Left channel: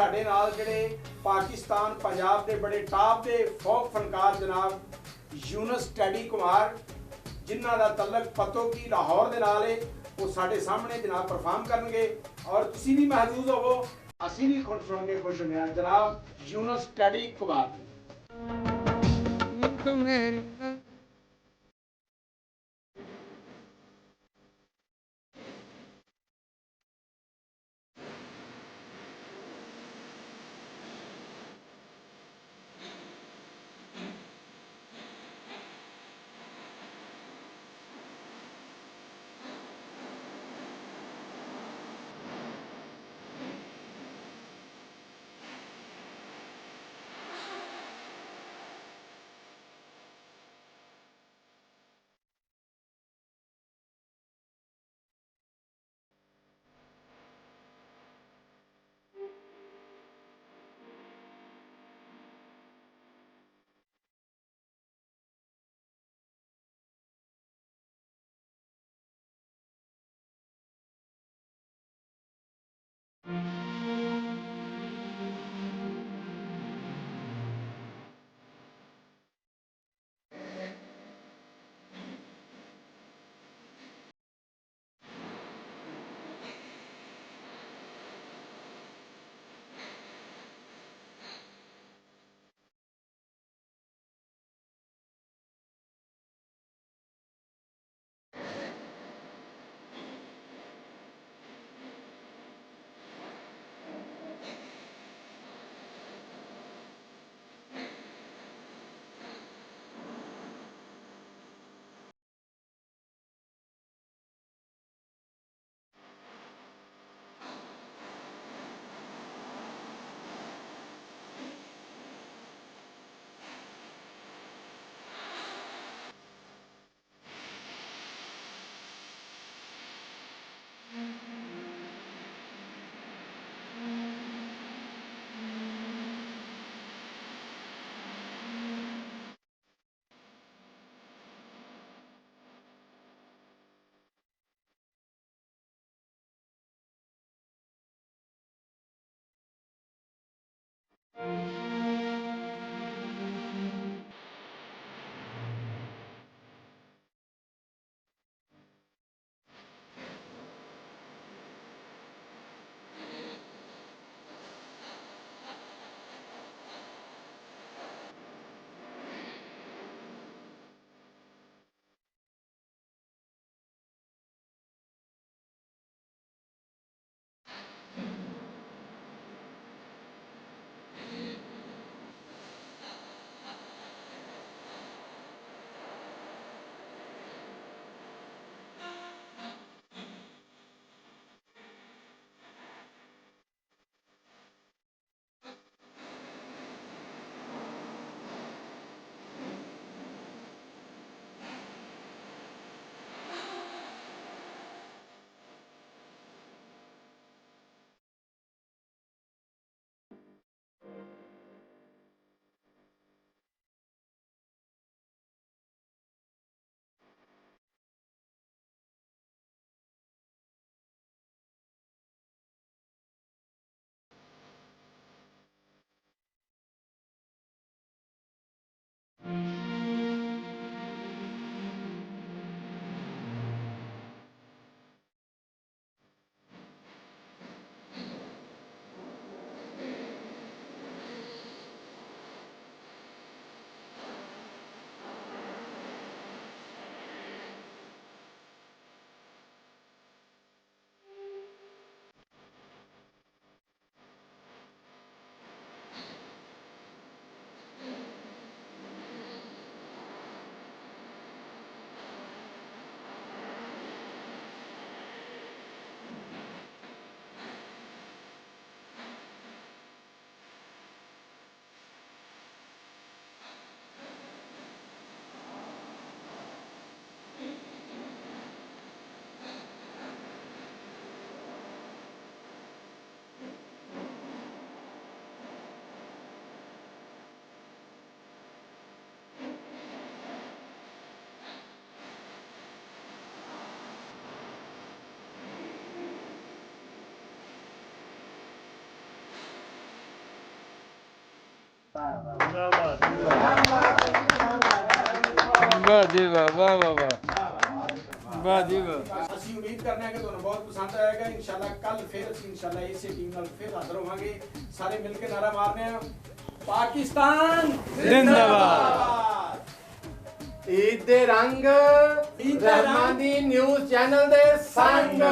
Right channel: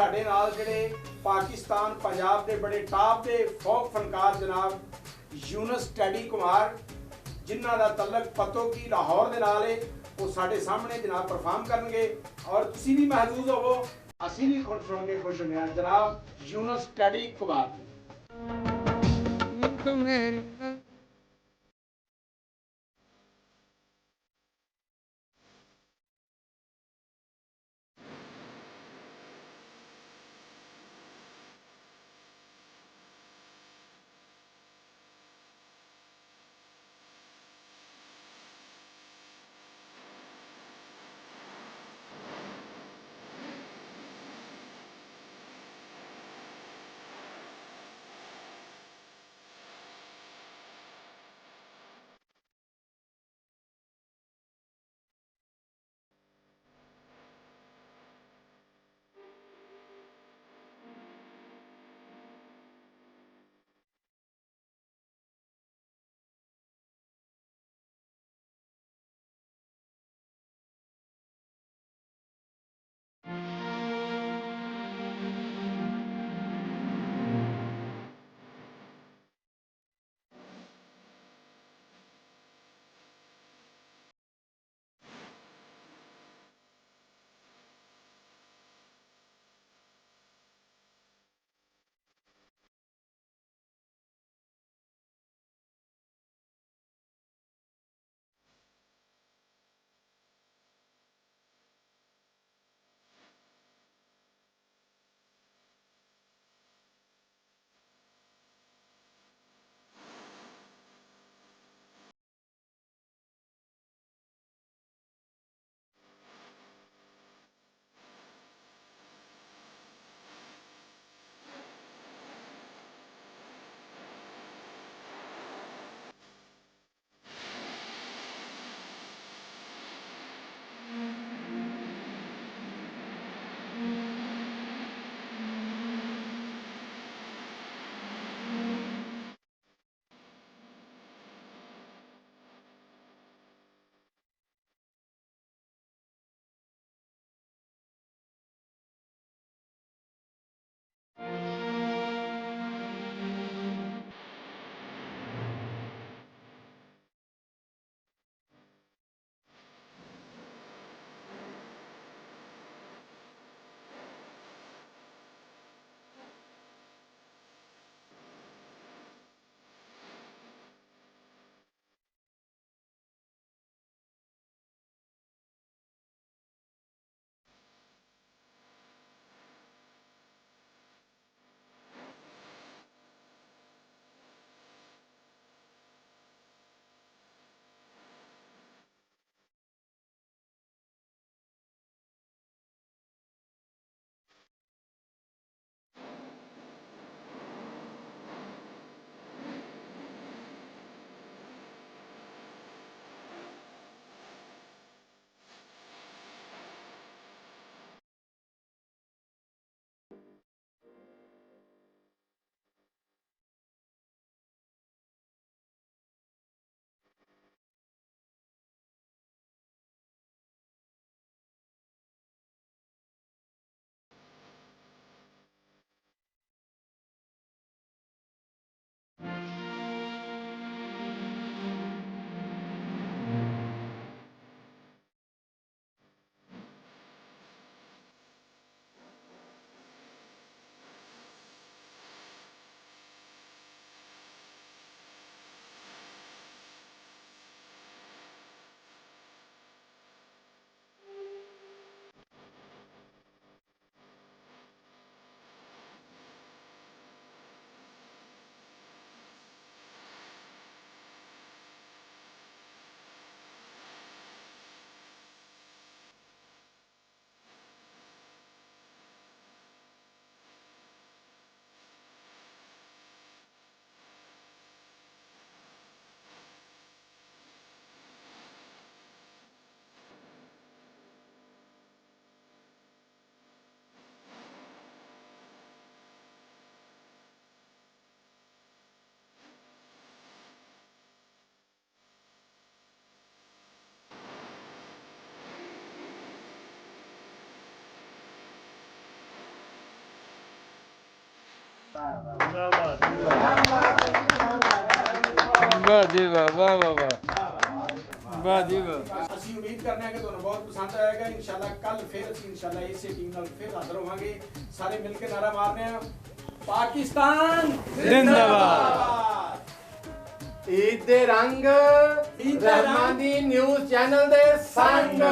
ਸਾਡੇ ਨਾਲ ਜਿਹੜੇ ਪਾਕਿस्तान पंजाब के बड़े टॉप के फोक फनकार जनाब यूनुस टैडी कुमार जिन्हों का तलक पतो की लाहौर के नाल है, वो साढ़े सामने जनाब परफॉर्म करनगे और तुसी भी महजूज होवो, असी भी खुश होंगे, खुश होंगे। जनाब यूनुस टैडी कुमार। ਵਾਹ ਜੀ ਵਾਹ ਵਾਹ ਵਾਹ ਵਾਹ ਜੀ ਵਾਹ। ਅਸੀਂ ਉਮੀਦ ਕਰਨੇ ਆ ਕਿ ਤੁਹਾਨੂੰ ਬਹੁਤ ਪਸੰਦ ਆਏਗਾ। ਇਨਸ਼ਾਅੱਲਾ ਕੱਲ ਫਿਰ ਅਸੀਂ ਇਨਸ਼ਾਅੱਲਾ ਇਸੇ ਟੀਮ ਨਾਲ ਫਿਰ ਹਾਜ਼ਰ ਹੋਵਾਂਗੇ। ਸਾਰੇ ਮਿਲ ਕੇ ਨਾਰਾ ਮਾਰਨੇ ਆ, ਪਾਕਿਸਤਾਨ ਜ਼ਿੰਦਾਬਾਦ। ਈਦ ਦੇ ਰੰਗ ਈਦ ਦੇ ਰੰਗ ਰਹਿਮਾਨੀ ਨਿਊਜ਼ ਚੈਨਲ ਦੇ ਸੰਗ।